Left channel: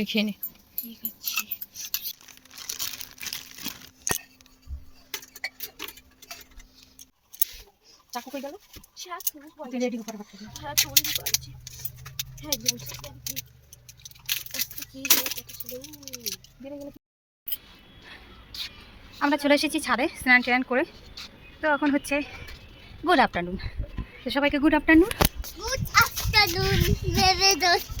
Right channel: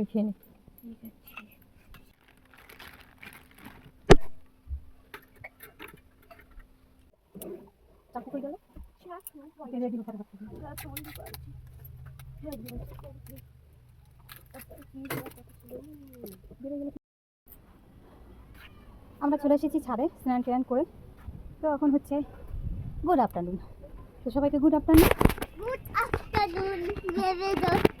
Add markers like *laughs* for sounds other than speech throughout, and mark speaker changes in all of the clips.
Speaker 1: আগে খেয়ে নে।
Speaker 2: ঠিক আছে
Speaker 1: চাকু কই গেল?
Speaker 2: শাক
Speaker 1: তুই রেডি করে রাখ
Speaker 2: হ্যাঁ করেছি হ্যাঁ একদম কি কথা ছিল?
Speaker 1: বেড়ে গেলে আমরা চলে এসেছি ছাদে স্নান টান করে। তো এখন হচ্ছে গুড আফটারনুন তো সবাইকে গুড আফটারনুন
Speaker 2: গুড আফটারনুন মেরে দোস্ত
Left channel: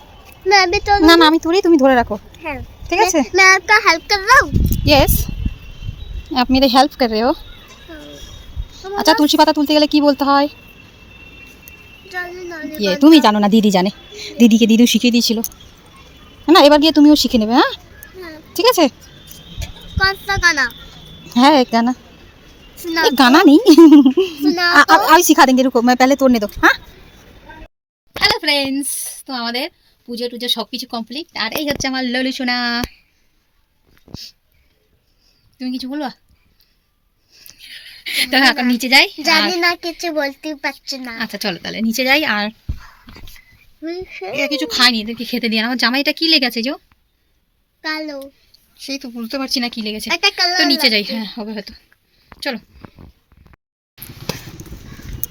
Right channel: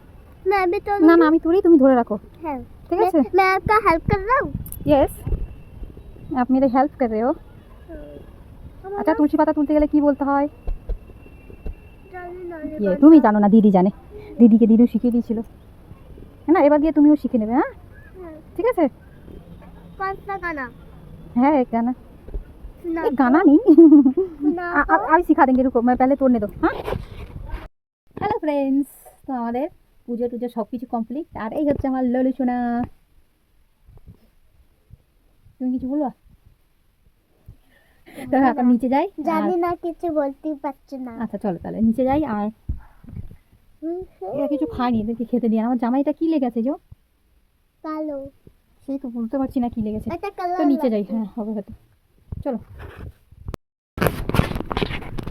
Speaker 2: मैं भी तो
Speaker 1: না না আমি তুলি তুমি ধরে রাখো
Speaker 2: हाँ
Speaker 1: ঠিক আছে
Speaker 2: मैं, मैं आपका हेल्प कर रहा हूँ
Speaker 1: ইয়েস आप मेरे हेल्प कर रहे हो আচ্ছা তুলসী পাতা তুলতে গেলে কি বলতে হয়
Speaker 2: जाने ना
Speaker 1: ইয়ে তুমি জানো না দিদি জানে দিদিকে দিদিও শিখিয়ে দিয়েছিল না এবার গিয়ে তুমিও শিখে নেবে হ্যাঁ
Speaker 2: हाँ,
Speaker 1: ঠিক আছে
Speaker 2: कौन सा गाना
Speaker 1: হ্যাঁ एक गाना
Speaker 2: सुना
Speaker 1: एक गाना नहीं
Speaker 2: सुना
Speaker 1: आ- आ- अभी सिखा देंगे रुको मैं पहले तोड़ने दो হ্যাঁ হ্যালো ফ্রেন্ডস তো আমাদের পুজো টুজো সব কিছু কমপ্লিট আর এই হচ্ছে আমার ললু সোনা। তুমি কিছু বলবা? এখন নিচে যাই
Speaker 2: জানি না কিছু বলতে পারছি না।
Speaker 1: আচ্ছা চলো তাহলে নিচে যাই আর এরা কিছু খায়নি এদেরকে খেতে দিয়ে আমার জামাইটা কি লেগেছে যো
Speaker 2: কালো।
Speaker 1: সেই তো বুঝতে পারছি না কি লেগেছে। তো নিচে যাই হ্যাঁ হবে হয়তো। চলো।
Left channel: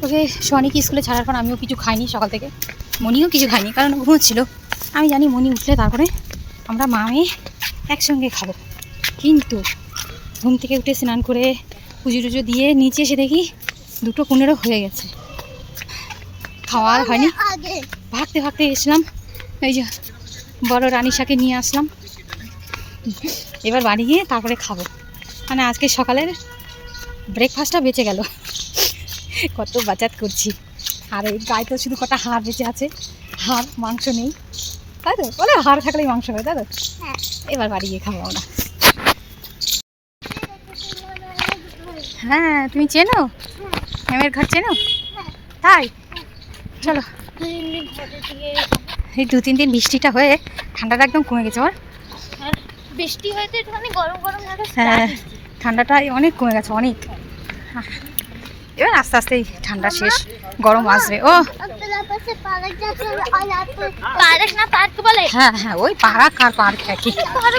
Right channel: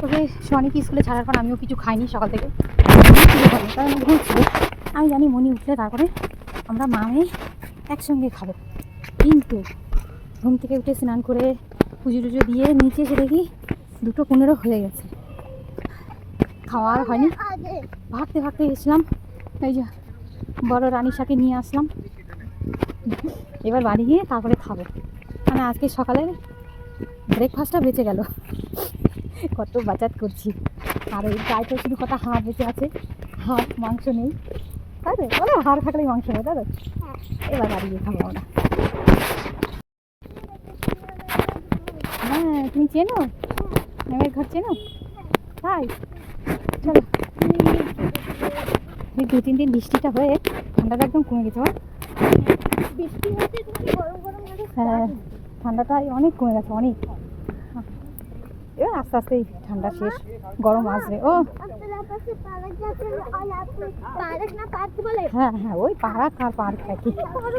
Speaker 1: ওকে সোয়ানিকে স্কুলে ছাড়ার পর আমিও কিছু খাইনি সকাল থেকে? মনিও কিছু খাইনি কারণ ঘুমোচ্ছিল আমি জানি মনি উঠলে তারপরে আমরা মা মেয়ে একসঙ্গে খাব। কিন্তু ঘুম থেকে উঠে স্নান করে পুজো টুজো দিয়ে নিচে এসে দেখি দুটো পনেরো হয়ে গেছে। খাওয়া হয়নি। ভাগতে ভাগতে এসলাম এই যে বড় রানিশাকে নিয়ে আসলাম। এবার বাড়ি গিয়ে তারপরে খাব। মানে আজকে সকালের ব্রেকফাস্টটা বেঁচে গেল। কত বাচাত করছি। আর এই গায়ে তো শুধু কটা হাড় বেঁচে আছে। হাড়, মাংস নেই। তাই তো? বলে হাড় থাকলেই মাংস নেই তাই তো?
Speaker 2: হ্যাঁ।
Speaker 1: এবার বাড়ি গিয়ে খাব আমরা। হ্যাঁ তুমি চেনো? ম্যামের ঘর চেনো? তাই? চলো। এই দু তিন দিন বৃষ্টিটা হয়ে ঠান্ডাটা একদম কমে গেছে আমার।
Speaker 2: বৃষ্টি হয়েছে একটুখানি গরম গরম
Speaker 1: হ্যাঁ ঠান্ডাটা অনেক কমে গেছে অনেক। এবার আস্তে আস্তে ঠান্ডা শেষ গরম আসবে। ও
Speaker 2: পার্ক না পার্ক বলে
Speaker 1: হ্যাঁ হ্যাঁ ওই পার্ক আর পার্ক একই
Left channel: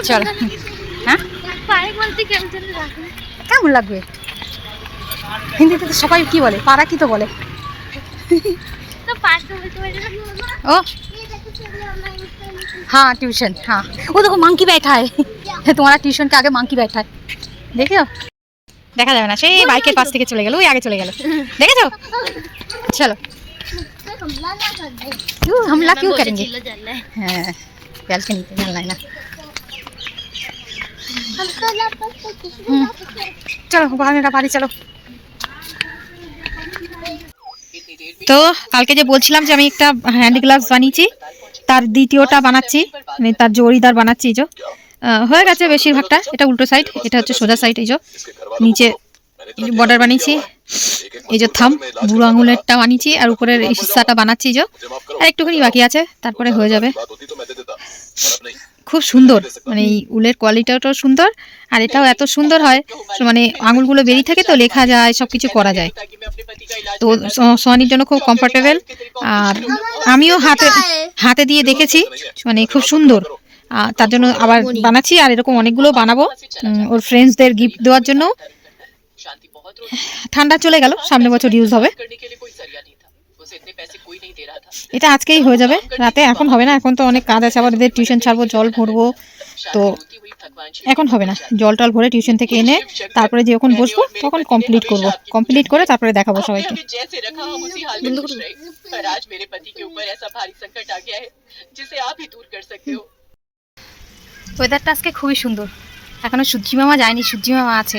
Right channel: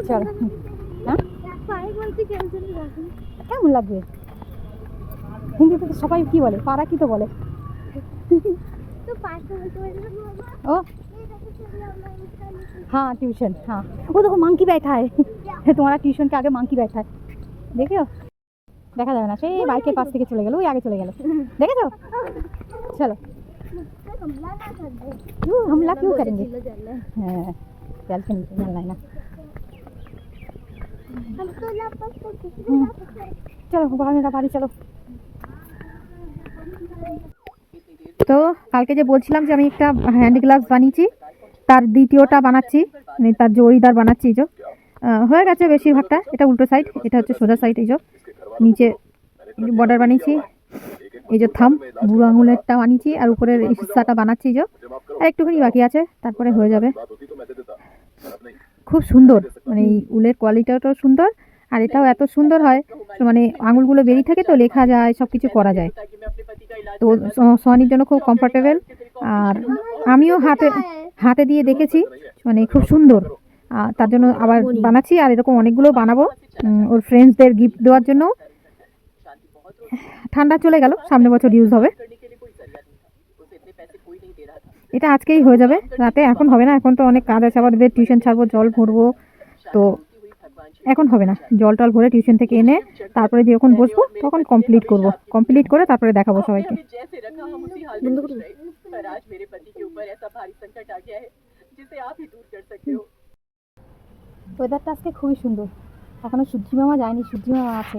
Speaker 1: চলো হ্যাঁ
Speaker 2: পার্ক বলতে কেমন যেন লাগে
Speaker 1: কেমন লাগবে হিন্দিতে তো সবাই কি বলে পাড়া কি তো বলে
Speaker 2: তো পার্ক বলতে পারি না
Speaker 1: ओ हाँ ट्यूशन हाँ वो देखो मंकी बैठा है तुम्हारा ट्यूशन के आगे मंकी बैठा है देखो দেখা যাবে না সেই বাইকের পাশ থেকে চলে গেল ওই আগে চলে গেল দেখেছো *laughs* চলো
Speaker 2: हमला ना कर दे
Speaker 1: क्यों हमला क्यों करेंगे
Speaker 2: चिल्ला चल रहा है
Speaker 1: হ্যাঁ ব্যালকনিতে জানলাই না
Speaker 2: हम तो लापस तो किसी
Speaker 1: হুম। চলো বাহানেরা বাড়ি চলো তো কালকে যে বলছিলাম যে আমি একটা হ্যান্ড গ্লাভস বানিয়েছি তার দ্বিতীয়টা বানাচ্ছি মানে তার জড়িদার বানাচ্ছি এই যে আহ, হয়ে গেছে বেশিরভাগটা এটা উল্টো সাইড এটা হচ্ছে সোজা সাইড এই যে নিচে বর্ডার বানিয়েছি এই যে থাম, বুড়ো আঙুলেরটা বানিয়েছি আর উপরের হিস্সাটা বানাচ্ছি যে। আর একটুখানি বাকি আছে, তারপরে হয়ে যাবে। খুব সুন্দর মানে এই উলের কোয়ালিটিটাও সুন্দর, আর এটাও এত সুন্দর হয় মানে আঙুলগুলো বেরিয়ে থাকে তো, লেখা যায় সব কিছু করা যায়। তো সোয়ানির জন্য খুব কমফোর্টেবল আর আমিও হাতে হাতে দিয়ে দেখেছি মানে খুব সুন্দর। তার জন্য আবার বানাচ্ছি, আর এরকম অনেকগুলো বানাবো ওর ফ্রেন্ডসদের গিফট দেওয়ার জন্য। ঠান্ডা চলে গেল সামনে বছর ইউজ হবে। এটা আজকেই হয়ে যাবে রাতে এখন হবে না এখন তো অনেক কাজ আছে আবার এদের টিউশন ছাড়বো জল ভরবো তো এখন হবে না জল টল ভরে টিউশন থেকে এনে তারপরে যখন বসবো তখন কমপ্লিট করব কমপ্লিট করে তারপরে দেখাবো সবাইকে। ওয়েদারটা আজকে খুবই সুন্দর। এখনও সূর্যি মামা যায়নি সূর্যি মামা আছে।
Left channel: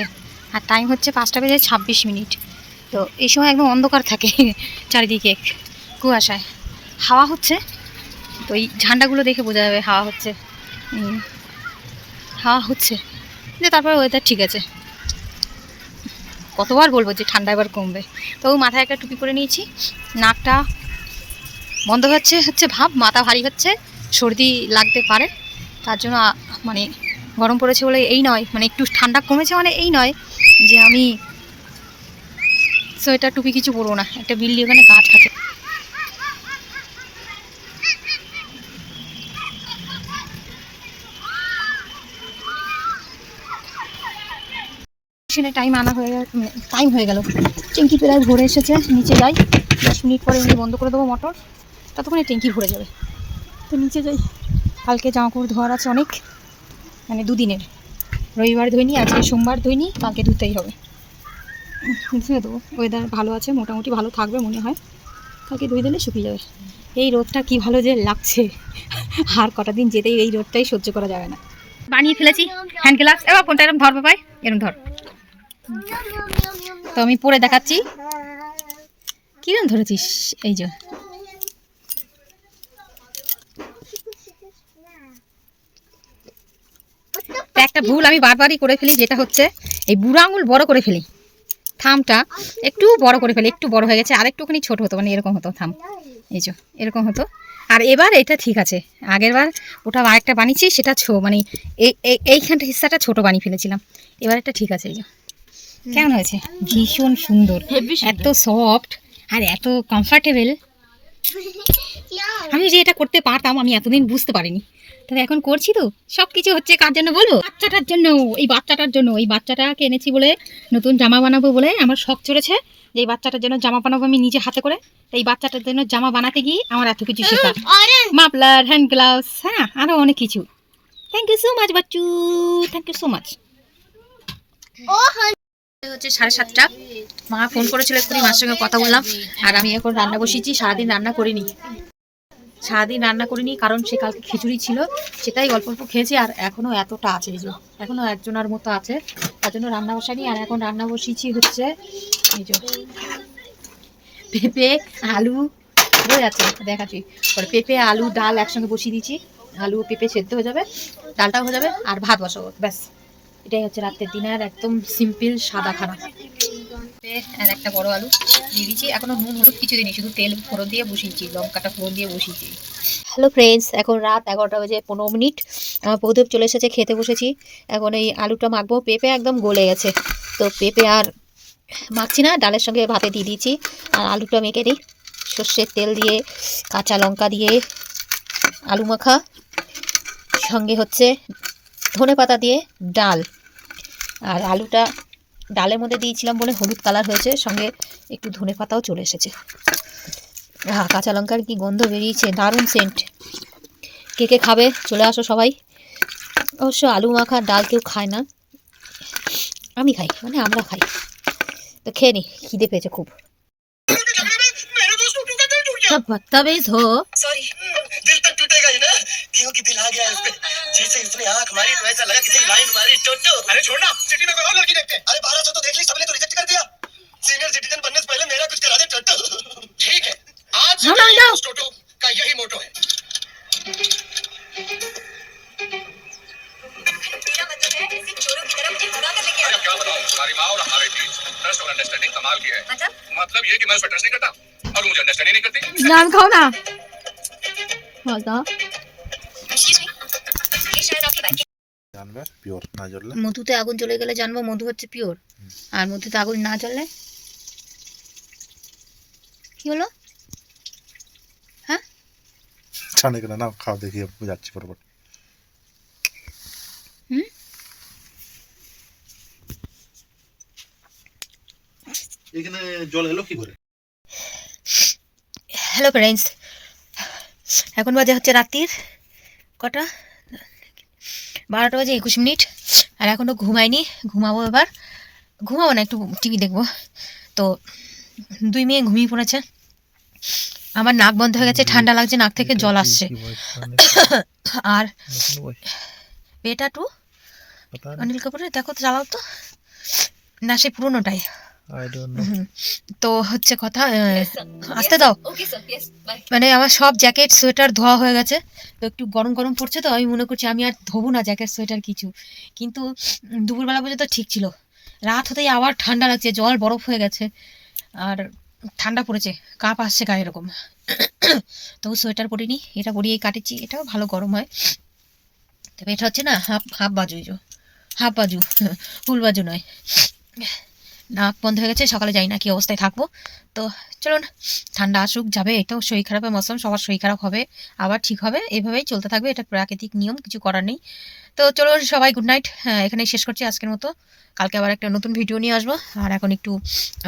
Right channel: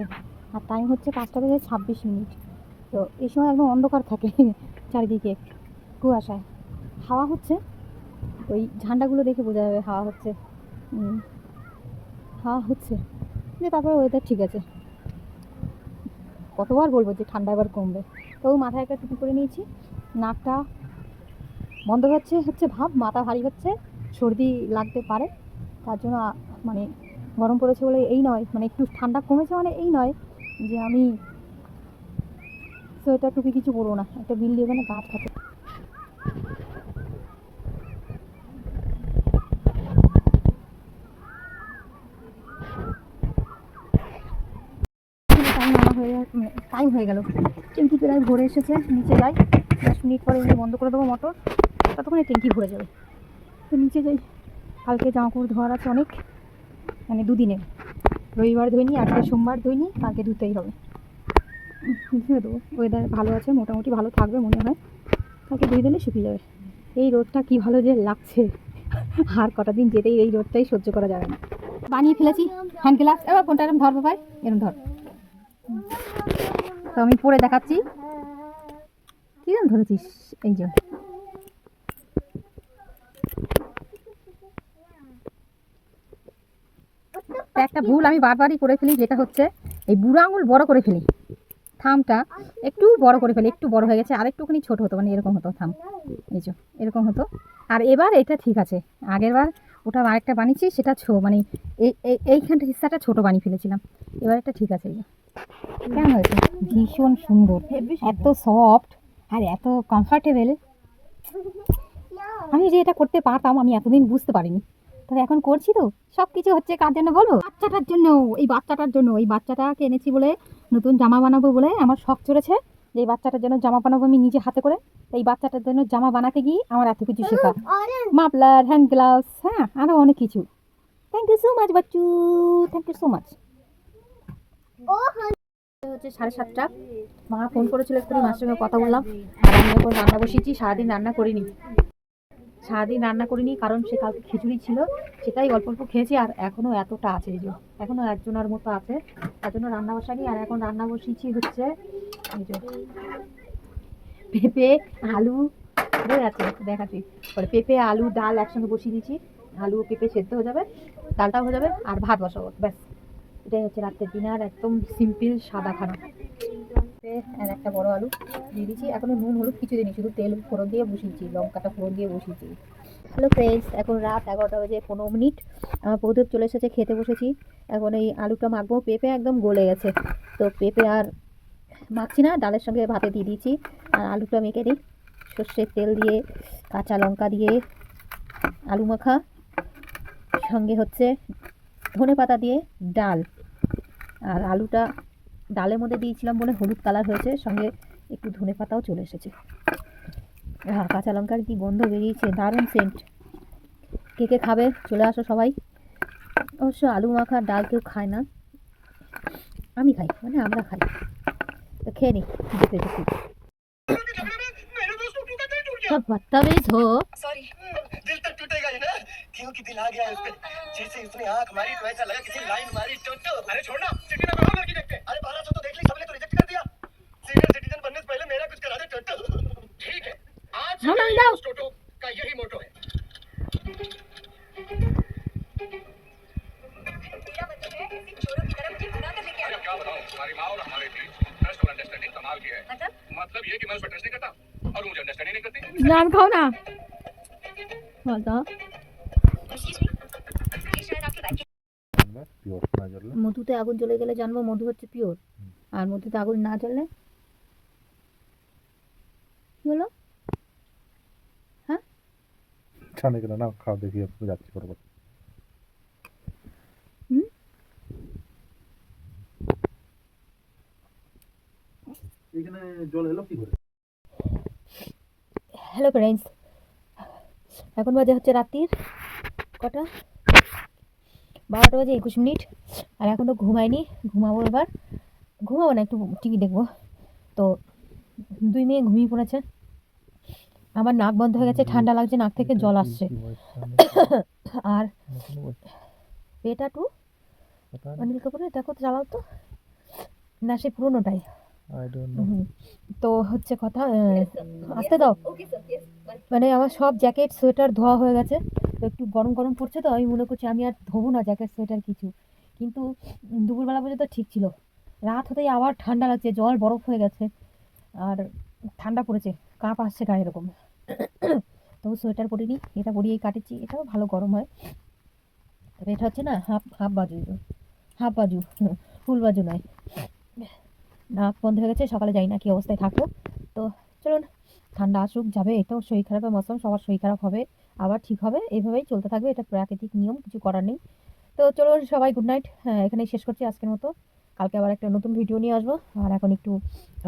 Speaker 1: আর টাইম হচ্ছে পাঁচটা বেজে ছাব্বিশ মিনিট। তো এই সময় একদম অন্ধকার থাকে *laughs* চারিদিকে, কুয়াশায়। হাওয়া হচ্ছে, তো এই ঝান্ডাগুলো দেখে বোঝা যাবে হাওয়া হচ্ছে। হাওয়া হচ্ছে, যে তারপরে ওয়েদার ঠিক আছে। কতবার বলব যে ঠান্ডা এবার কমবে। তবু মাথায় একটা টুপি পরে নিয়েছি, নাকটা বন্ধ হচ্ছে হচ্ছে ভাব, মাথা ভারী হচ্ছে, সর্দি লাগতে পারে। তার জন্য মানে গরম পড়েছে বলে এই নয় মানে একটু ঠান্ডা কমেছে মানে এই নয় যে আমি সোয়েটার, টুপি কিছু পরবো না। একটা বিল্লি ওখানে গাছ আছে টাইম আনা হয়ে টাইম হয়ে গেল। ট্যাঙ্কি প্রায় ভরে এসেছে, নিচে যাই। দশ মিনিট পরে এমনি বন্ধ করে দেবো মোটর ততক্ষণে ট্যাঙ্কি ভরে যাবে। তো নিচে যাই। কালকে জামা কাপড় ধোয়ার আছে অনেক। মানে দুদিনের। রবিবার ধুইনি আজকে সোমবার ধুইনি কালকে ধুতেই হবে। ধুয়ে তো ওয়েদার ভালো আছে, মোটামুটি ভালো থাকবে মনে হয়। কালকে ধুয়ে দিলে শুকিয়ে যাবে। এই রোদটা কি ভালো যে লাগছে। আর কটা দিন যেতেই এই রোদটাই সহ্য করা যাবে না। বানিয়ে ফেলেছি হ্যান্ড গ্লাভস এবার কোনটা এরকম ধর বাবাই এরকম ধর। তো আমি পরে দেখাচ্ছি। কিরম ধরেছিস? এই যে। একটা ভুল আমি বারবারই করে ফেলি যেটা হচ্ছে এই বুড়ো আঙুল বড় করে ফেলি। থামটা একটু বড় করে ফেলি একটু বড় হয়ে গেছে আর একটুখানি ছোট হতো মানে এরকম হতো থাম। এই যে এরকম হতো। আর এবার এটা ঠিক আছে আগের বার ওটা আরেকটা বানিয়েছি সেটা ছো মানে এই এই- এইখানটা হিস্সাটা ছোট বানিয়ে ফেলেছিলাম। এবার এটা ঠিক আছে এই যে। কেমন হয়েছে? ভীষণ সুন্দর এত সফট আর এত কমফর্টেবল আমি যে এটা করতে পারতাম আমি এতদিন বুঝতে পারিনি। তবে এখন করছি তো। সব কিছু হচ্ছে কার জন্য বলব? বাচ্চাটার জন্য এই বাচ্চাটার জন্য। এই বাচ্চাটাকে এনেছি বলে নতুন জামা বানাবো বলে আমার শখ চলেছে যে এই বাচ্চাটার জন্য জামা বানাবো আমি নিজে হাতে করে। তো এই বাচ্চাটার জন্য জামা বানাতে গিয়ে আমার এত কিছু শেখা। মাফলার হ্যান্ড গ্লাভস হ্যাঁ আরও অনেক কিছু। Thank you so much Bachchu. Thank you so much
Speaker 2: ও
Speaker 1: হচ্ছে সাড়ে সাতটা। মা ফোন করেছিল এক্ষুনি মার সঙ্গে কথা বললাম। আর আমি এখন রান্না বসিয়েছি সারাদিন রান্না করিনি। সারাদিন রান্না করিনি, কারণ সে কালকে খিচুড়ি ছিল, সেটাই অল্প অল্প খেয়েছি, আর এখনও এতটা আছে এই যে, এখনও একজনের মতো আছে, তার জন্য রান্না বসানি আর এখন রান্না বসিয়েছি হচ্ছে এই যে পেঁপে, আলু, হয়ে যাচ্ছে, দেখাচ্ছি, পরে পেঁপে, আলু, ডাল একসঙ্গে বসিয়ে দিয়েছি, আলু, পেঁপে সেদ্ধ হয়ে যাবে, ডালটাও হয়ে যাবে, আর ভাত বসাবো, ব্যাস, এটাই হচ্ছে রাতের দিনের একদম সিম্পল সাদা খানা। আর একটা বড় আলু দিয়ে দিয়েছি। এখনও নুন, হলুদ কিছু দিনই শুধু তেল ফোড়ন দিয়ে বসিয়েছি, লঙ্কাটা ফোড়ন দিয়ে বসিয়েছি। হ্যালো ফ্রেন্ডস এখন রাত এগারোটা বাজে পনেরো মিনিট। আমার বৌদেব চলে এসেছে, খেতে বসেছি। এখন এই আলুটা মাখবো, পেঁপে একদম গলে গেছে। তো পেঁপে আর মাখছি না, ডালের সঙ্গে ভাতে দিয়ে দিয়েছি। আর আলুটা মেখে দিই সর্ষের তেল দিয়ে, কাঁচা লঙ্কা দিয়ে, আলু মাখা, সঙ্গে হচ্ছে ধনে পাতা দিয়ে ডাল। আর আলুটা ডালের মধ্যে দিয়েছিলাম বলে হলুদ কালার হয়েছে সঙ্গে একটু ধনে পাতাও চলে এসেছে হ্যাঁ কাঁচা লঙ্কার কি গন্ধ বেরিয়েছে দারুণ সেন্ট কে কে খাবে চলে আসো সবাই অবশ্য আলু মাখা ডাল কেউ খায় না আমি খাই মানে আমরা খাই তো খেয়ে নি খিদে পেয়েছে খুব सब बदतमीज हो
Speaker 3: सॉरी दिल तक टूटेगा ही ना क्योंकि दिल आ गया है इस पे जैसे इसने आंख मारी तो ऐसा लगा किसी लाइन मारी टोटो अरे छोड़ना सिटी में कहाँ लड़की मतलब ये कि मैं उसका ट्रस्ट नहीं करता और मुझे अंडरस्टैंड नहीं करती
Speaker 1: নাম খাও না বলতো
Speaker 4: জানবে পিওর না জ্বললে
Speaker 1: মধুতে আগুন জ্বলে গেলে জানবো মধু হচ্ছে পিওর আর মধুতে আগুন না জ্বললে কি হলো
Speaker 4: জানে কিনা না খাওয়া দেখি যাচ্ছি পরপর এখানে জল এলো কি করে?
Speaker 1: হ্যালো ফ্রেন্ডস এখন বাজে হচ্ছে রাত্রির কটা? বারোটা বাজে একুশ মিনিট আর এখনও ঘুমাইনি ঘুমাবো এবার। ঘুমাবো না একটু টিভি দেখব। তো দুই মেয়ে ঘুমিয়ে পড়েছে। আমার নাক বন্ধ হয়ে গেছে ঠান্ডা লাগছে নাক থেকে জল আসছে। *coughs* আর বেটা টু অনিল কাপুরের? দেখো তো চালাও তো। না সে পুরোনোটাই। তো হচ্ছে কথা আসতে দাও। মানে আমার সব জ্যাকেট সোয়েটার ধোয়া হয়ে গেছে। তো একটু গরম গরম পড়ছে তো আমি মনে করছি আমি আর ধোবো না জ্যাকেট সোয়েটার কিছু। কিন্তু দুপুরবেলা পর্যন্ত ঠিক ছিল। রাত হতেই আবার ঠান্ডা লাগছে জল বরফ হয়ে গেছে। আর ঠান্ডা পড়েছে কাপ আসছে গায়ে এরকম। তবু সোয়েটার পরিনি এটা পরিয়েই কাটেছি এটাও ভালো গরম হয়। তবে এটা হচ্ছে না হাফ হাফ বাজু হাফ বাজু *laughs* ফুল বাজু নয়। নাক বন্ধ হয়ে গেছে, সকালে যাই না কি অবস্থায় থাকব। তো চলুন, ঠান্ডা আসুক, যাবে এটাও শরীর খারাপের মৌসুম, সবার শরীর খারাপ হবে, আবার ঠিক হবে, এভাবেই চলতে থাকবে, এটা প্রাকৃতিক নিয়ম, কিছু করার নেই। তো চলুন, সবাই গুড নাইট হ্যাঁ এখানেই শেষ করছি আজকের মতো। কালকে আবার একটা নতুন ভিডিও নিয়ে আসব, আর এখন একটু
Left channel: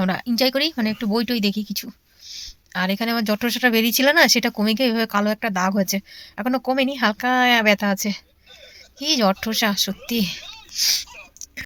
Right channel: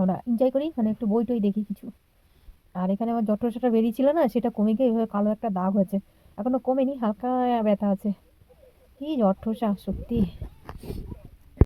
Speaker 1: আমরা এনজয় করি মানে একটু বই টই দেখি কিছু। আর এখানে আমার জটর সেটা বেরিয়েছিল না, সেটা কমে গিয়ে এভাবে কালো একটা দাগ হয়েছে, এখনও কমেনি, হালকা ব্যথা আছে। কি জট্ঠসা সত্যি।